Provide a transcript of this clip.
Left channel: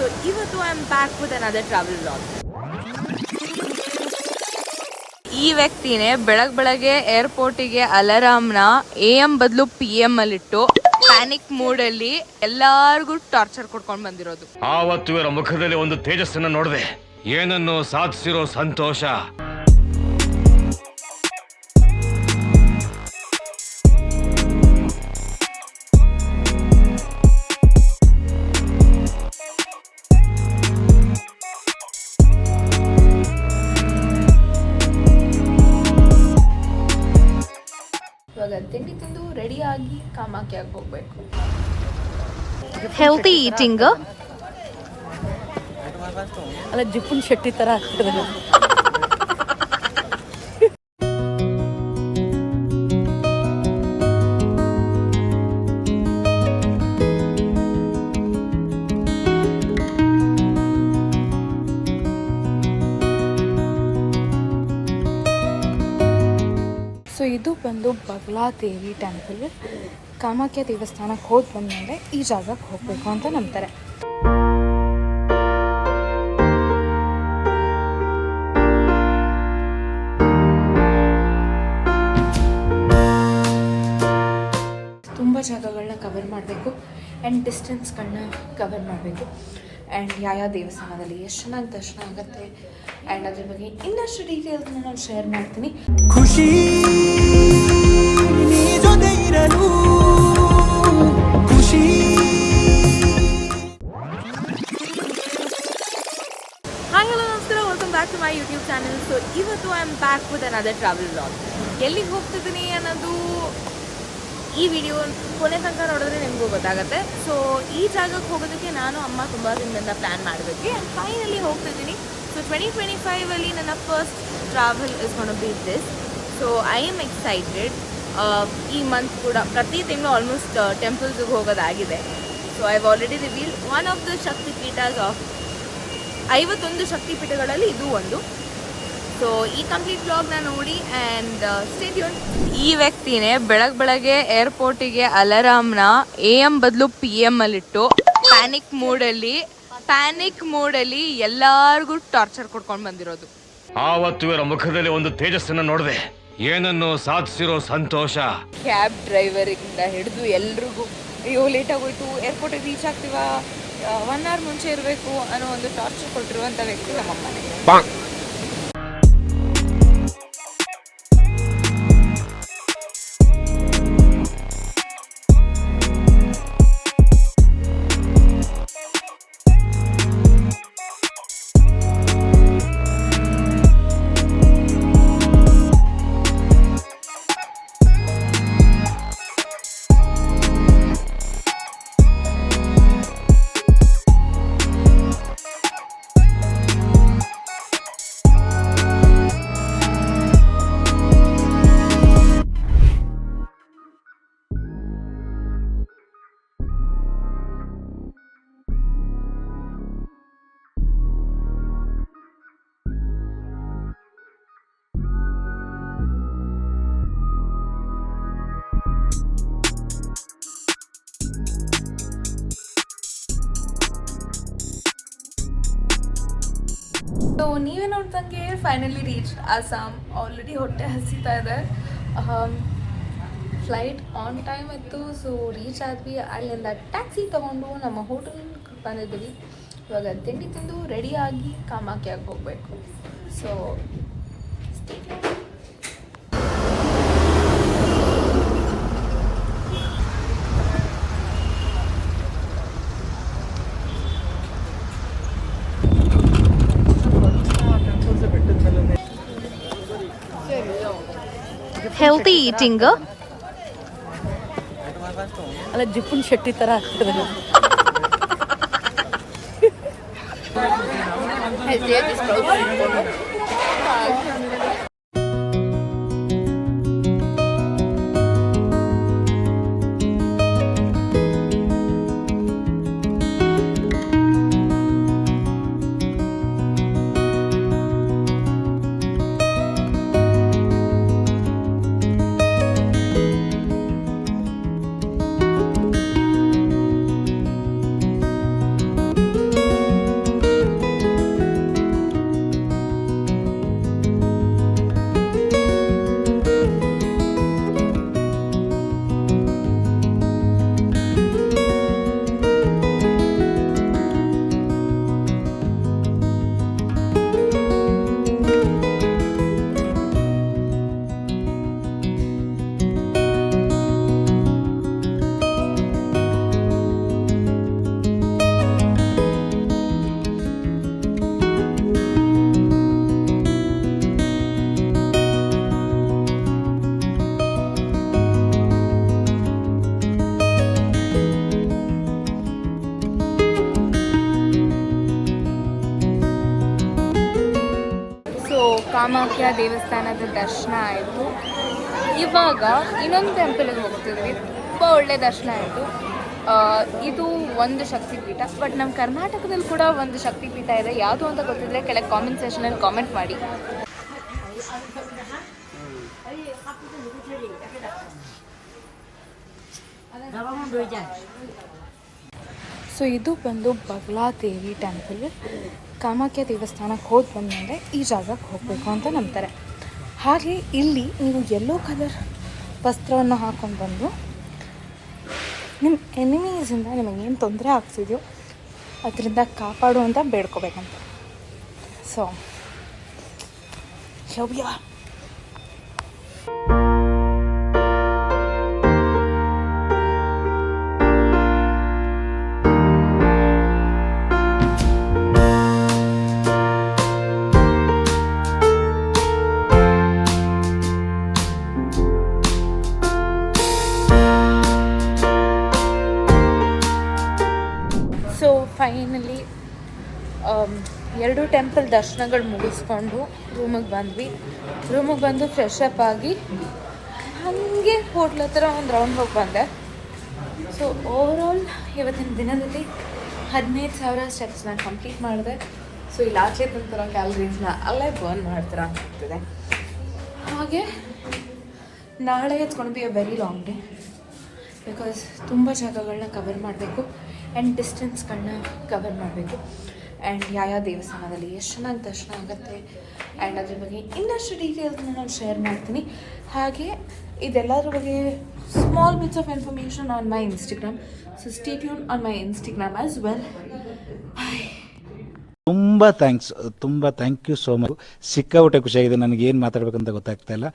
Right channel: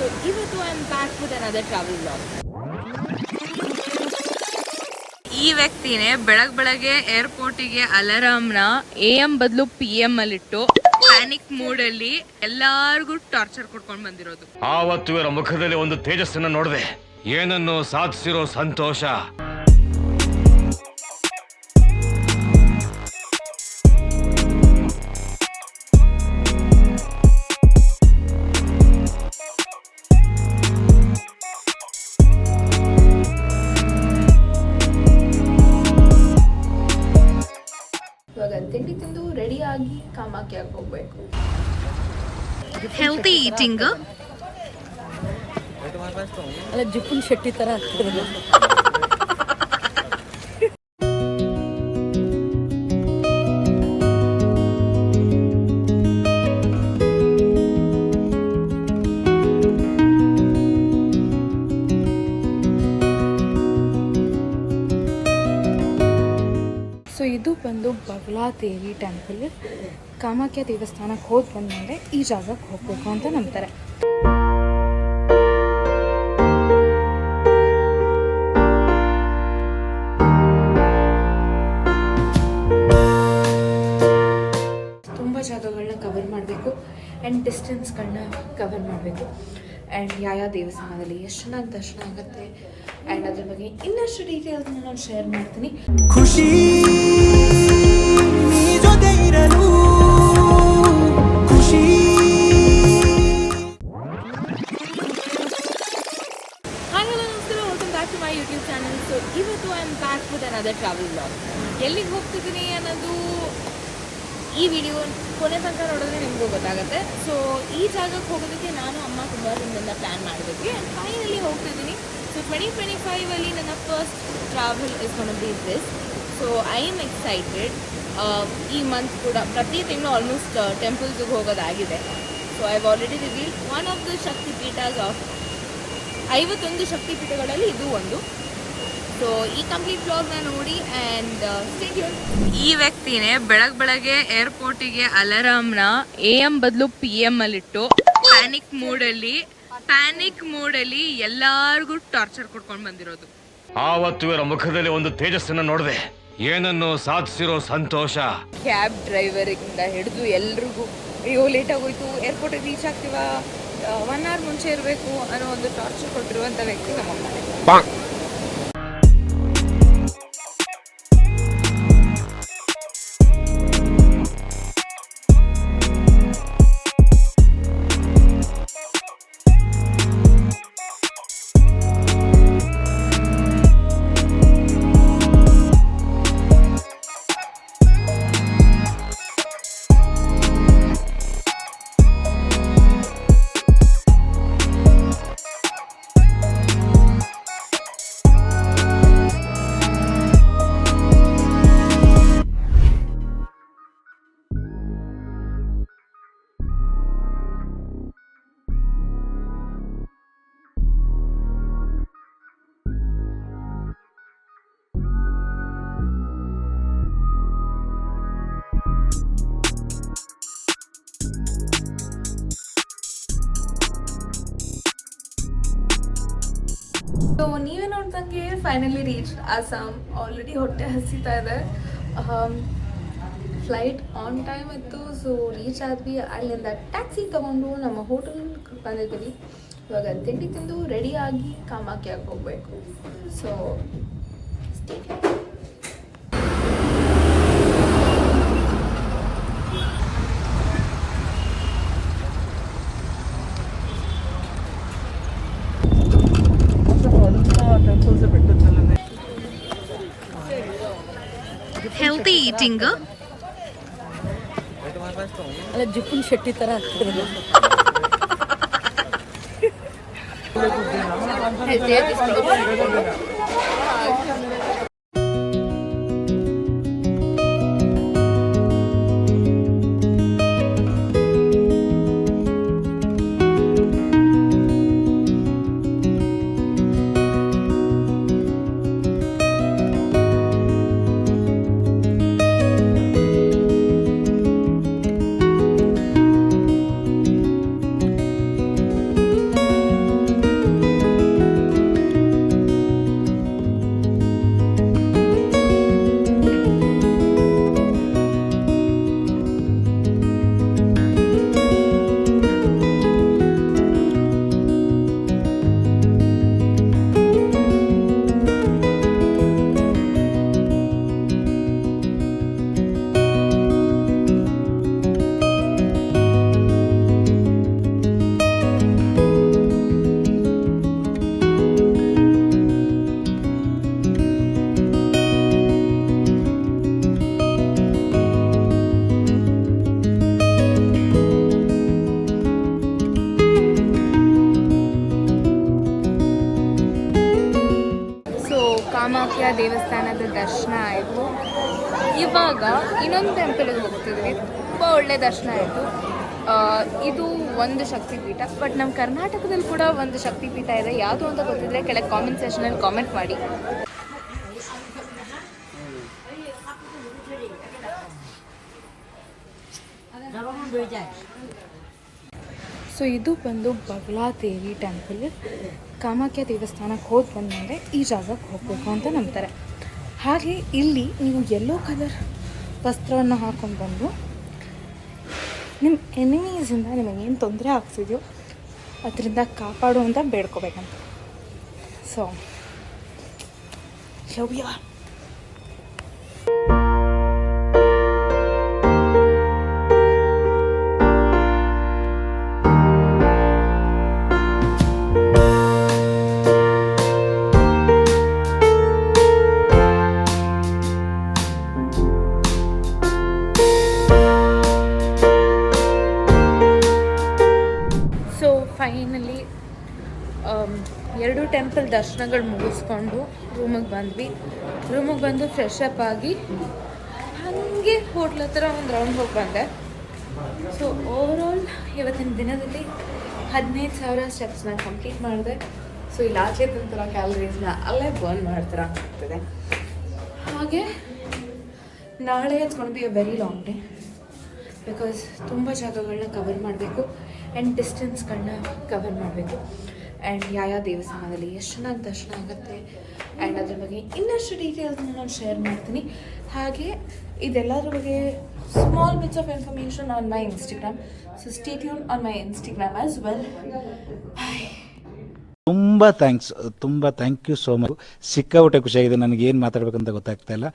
So ಇವತ್ತು I am back with another travel vlog. ಈ ವ್ಯಕ್ತಿನೇ ಬೆಳಗ್ಗೆ ಏರ್ಪೋರ್ಟಿಗೆ ಅಲಾರಾಮ್ನ AM ಬದಲು PM ಅಲ್ಲಿಟ್ಟು ಪ್ಯಾನಿಕ್ ಮೂಡ್ ಅಲ್ಲಿ ಎಲ್ಲಾರ್ಗೂ ಟಾರ್ಚರ್ ಕೊಡ್ಕೊಂಡು ಬಂದಿರೋದು. ಆವತ್ತು ಇವರ ಮುಖದಲ್ಲಿ ಒಂದು ತೇಜಸ್ಸನ್ನ ನೋಡಿದೆ, ಏನನ್ನು ಸಾಧಿಸಿರೋ ಸಂತೋಷ. ತಿಂಡಿ ತಿಂದು ರೆಡಿ ಆಗಿ ಕಾಮಾಖ್ಯಾಗೆ ಹೋಗ್ಬೇಕು. ಹೆಲ್ತಿ ಈಟಿಂಗ್ ಅಲ್ಲ, ಜಿಪ್ಪುನ್ ಶೆಟ್ಟಿ ತರ ಆಗ್ತದೆ. ಸೊ ಇದು ಬಂದು ಬಗಲಾದೇವಿ ಟೆಂಪಲ್. ಕಾಮಾಖ್ಯ ದೇವಸ್ಥಾನಕ್ಕೆ ಹೋಗಿ ಬಂದಮೇಲೆ ಈ ಜಾಗಕ್ಕೆ ಹೋಗಬೇಕು ಅಂತ ನಂಬ್ತಾರೆ. ತುಂಬ ಜಾಗಗಳನ್ನ ಕವರ್ ಮಾಡಬೇಕು ಆ್ಯಂಡ್ ಡಿಸ್ಟೆನ್ಸ್ಗಳನ್ನ ಕವರ್ ಮಾಡಬೇಕು ಆ್ಯಂಡ್ ಯಾವ ದೇವಸ್ಥಾನದಲ್ಲಿ ಎಷ್ಟು ಚೆನ್ನಾಗಿ ದರ್ಶನ ಆಗುತ್ತೆ ಆ್ಯಂಡ್ ಅದ್ರ ಬಗ್ಗೆ ಇನ್ನಷ್ಟು ಡೀಟೇಲ್ಸ್ನ ನಾನು ಶೇರ್ ಮಾಡ್ತೀನಿ. ಖುಷಿ ನೀ ಜೊತೆ ಇರಲು ಖುಷಿ. ಹಾಯ್ ಹಲೋ ನಮಸ್ಕಾರ, welcome back to my YouTube channel. So ಇವತ್ತು I am back with another travel vlog. ಎಲ್ಲಿಗೆ ಹೋಗ್ತಿದ್ದೀನಿ ಅನ್ನೋದು ಈ ವಿಡಿಯೋ ಕೊನೆ ತನಕ ನೋಡಿದ್ರೆ ನಿಮಗೂ ಗೊತ್ತಾಗುತ್ತೆ. ಸೊ ಈ ಜಾಗಕ್ಕೆ ಹೋಗೋದಕ್ಕೆ ನಾನು ಅಮ್ಮ ತುಂಬ ದಿನದಿಂದ ಪ್ಲ್ಯಾನ್ ಮಾಡಿದ್ವಿ ಆ್ಯಂಡ್ ಫೈನಲಿ ಹೋಗ್ತಿದ್ದೀನಿ. ಸೊ 2025 ನನ್ನ first travel is gonna be this. So I am excited. ಈ ಮಂತ್ ಕೂಡ ಪ್ರತಿ ತಿಂಗಳು ಆಲ್ಮೋಸ್ಟ್ ಟೆಂಪಲ್ಸ್ಗೆ ಹೋಗೋದಾಗಿದೆ. So I have already reveal one of the Shaktipeethas of 51 ಶಕ್ತಿಪೀಠಗಳಲ್ಲಿ ಇದು ಒಂದು. ಸೊ ಈ ಕಂಪ್ಲೀಟ್ ವ್ಲಾಗ್ನ ನೋಡಿ ಆ್ಯಂಡ್ ಸ್ಟೇ ಟ್ಯೂನ್. ಈ ವ್ಯಕ್ತಿನೇ ಬೆಳಗ್ಗೆ ಏರ್ಪೋರ್ಟಿಗೆ ಅಲಾರಾಮ್ನ AM ಬದಲು PM ಅಲ್ಲಿಟ್ಟು ಪ್ಯಾನಿಕ್ ಮೂಡಲ್ಲಿ ಎಲ್ಲಾರ್ಗೂ ಟಾರ್ಚರ್ ಕೊಡ್ಕೊಂಡು ಬಂದಿರೋದು. ಆವತ್ತು ಇವರ ಮುಖದಲ್ಲಿ ಒಂದು ತೇಜಸ್ಸನ್ನ ನೋಡಿದೆ, ಏನನ್ನು ಸಾಧಿಸಿರೋ ಸಂತೋಷ. ಕ್ಯಾಬ್ ಡ್ರೈವರಿಂದ ಹಿಡಿದು ಎಲ್ರಿಗೂ ಅಯ್ಯೋ ಲೇಟ್ ಆಗೋಯ್ತು, ಏರ್ಪೋರ್ಟಿಗೆ ರೀಚ್ ಆಗ್ತೀವ, 1 hour ಮುಂಚೆ ಇರಬೇಕು ಅನ್ನೋ ಒಂದು ಟಾರ್ಚರ್ ಕೊಟ್ಟಿರುವಂಥ ವ್ಯಕ್ತಿ ನಮ್ಮಮ್ಮನೇ. ಸೊ ನೀವೇ ನೋಡ್ದಂಗೆ ಫೈನಲಿ ರೀಚ್ ಅಸ್ಸಾಂ. ಆಲ್ರೆಡಿ ಹೊಟ್ಟೆ ಹಸಿತಾ ಇದೆ. ಫ್ಲೈಟ್ ಆನ್ ಟೈಮ್ ಇತ್ತು. ಸೊ ರೀಚ್ ಆದ್ವಿ. ಅಲ್ಲಿಂದ ಟ್ಯಾಕ್ಸಿ ತೊಗೊಂಡು ನಮ್ಮ ಹೋಟೆಲ್ ಬಂದಿದ್ವಿ. ಇವಾಗ ತಿಂಡಿ ತಿಂದು ರೆಡಿ ಆಗಿ ಕಾಮಾಖ್ಯಾಗೆ ಹೋಗಬೇಕು. ಸೊ ಹೆಲ್ತಿ ಈಟಿಂಗ್ ಅಲ್ಲ, ಜಿಪ್ಪುನ್ ಶೆಟ್ಟಿ ತರ ಆಗ್ತದೆ. ಕಾಮಾಖ್ಯ ದೇವಸ್ಥಾನದ ದರ್ಶನ ಆಯಿತು. ಇವಾಗ ಇನ್ನೊಂದು ಟೆಂಪಲ್ಗೆ ಹೋಗ್ತಿದ್ವಿ. ತುಂಬ ಒಳ್ಳೆ ದರ್ಶನ ಆಯಿತು. ಇದು ಒಂದು ಶಕ್ತಿಪೀಠ, ಬಟ್ ನಮ್ಮ ಕರ್ನಾಟಕದಲ್ಲಿ ಕೂಡ ಒಂದು ಶಕ್ತಿಪೀಠ ಇದೆ. ಯಾವುದು ಅಂತ ಗೊತ್ತಿದ್ರೆ ಕೆಳಗೆ ಕಾಮೆಂಟ್ ಸೆಕ್ಷನಲ್ಲಿ ಕಾಮೆಂಟ್ ಮಾಡಿ. ಸೊ ಇದು ಬಂದು ಬಗಲಾದೇವಿ ಟೆಂಪಲ್. ಕಾಮಾಖ್ಯ ದೇವಸ್ಥಾನಕ್ಕೆ ಹೋಗಿ ಬಂದಮೇಲೆ ಈ ಜಾಗಕ್ಕೆ ಹೋಗಬೇಕು ಅಂತ ನಂಬ್ತಾರೆ. ಹಾಗೆ ಇಲ್ಲಿ ನೀವು ಯೆಲ್ಲೋ ಕಲರ್ ವಸ್ತ್ರವನ್ನು ಹಾಕ್ಕೊಂಡು ಬಂದು ನಿಮ್ಮ ಎನಿಮೀಸಿಂದ ನಿಮಗೇನು ತೊಂದರೆ ಆಗ್ತಿದೆಯೋ ಅದರಿಂದ ಕಾಪಾಡು ಅಂತ ಬೇಡ್ಕೋಬೇಕಂತ. ಸೊ ಲವ್ಯ. ಫೈನಲಿ 2 ಟೆಂಪಲ್ ದರ್ಶನಗಳು ಮುಗಿಸ್ಕೊಂಡು ರೂಮಿಗೆ ಬಂದು ಫ್ರೆಶ್ ಅಪ್ ಆಗಿ ಹಾಗೆ ಹೋಟ್ಲ್ ಹತ್ರ ಒಂದು ರೌಂಡ್ ಹೋಗಿ ಬಂದೆ. ಸೊ ಓವರಾಲ್ ಇವತ್ತಿನ ದಿನದಲ್ಲಿ 15,000 ಸ್ಟೆಪ್ಸ್ನ ಕಂಪ್ಲೀಟ್ ಮಾಡಿದೆ. ಸೊ ಇಲ್ಲಿ ಆಚೆ ತಂತರ ಕ್ಯಾಲರೀಸ್ನ ಅಲ್ಲೇ ಬರ್ನ್ ಮಾಡ್ತಾರೆ ಆಗ್ತಿದೆ. ಹಾಗೆ ನಾಳೆ it's gonna be a very long day because ತುಂಬ ಜಾಗಗಳನ್ನ ಕವರ್ ಮಾಡಬೇಕು ಆ್ಯಂಡ್ ಡಿಸ್ಟೆನ್ಸ್ಗಳನ್ನ ಕವರ್ ಮಾಡಬೇಕು. ಆ್ಯಂಡ್ ಯಾವ ದೇವಸ್ಥಾನದಲ್ಲಿ ಎಷ್ಟು ಚೆನ್ನಾಗಿ ದರ್ಶನ ಆಗುತ್ತೆ ಆ್ಯಂಡ್ ಅದ್ರ ಬಗ್ಗೆ ಇನ್ನಷ್ಟು ಡೀಟೇಲ್ಸ್ನ ನಾನು ಶೇರ್ ಮಾಡ್ತೀನಿ. ಹಾಗೆ ಇದೆಲ್ಲದ್ರ ಬಗ್ಗೆ small bits of information on my Instagram. So stay tune on my Instagram as well. Bye. ತುಂಬ ಥ್ಯಾಂಕ್ ಯು ಸೋ ಮಚ್. ಸಿಕ್ಕಾಪಟ್ಟೆ ಖುಷಿಯಾಗಿದೆ. ನನಗೆ ಏನು ಮಾತಾಡಬೇಕಂತ ಗೊತ್ತಾಗ್ತಾ ಇಲ್ಲ.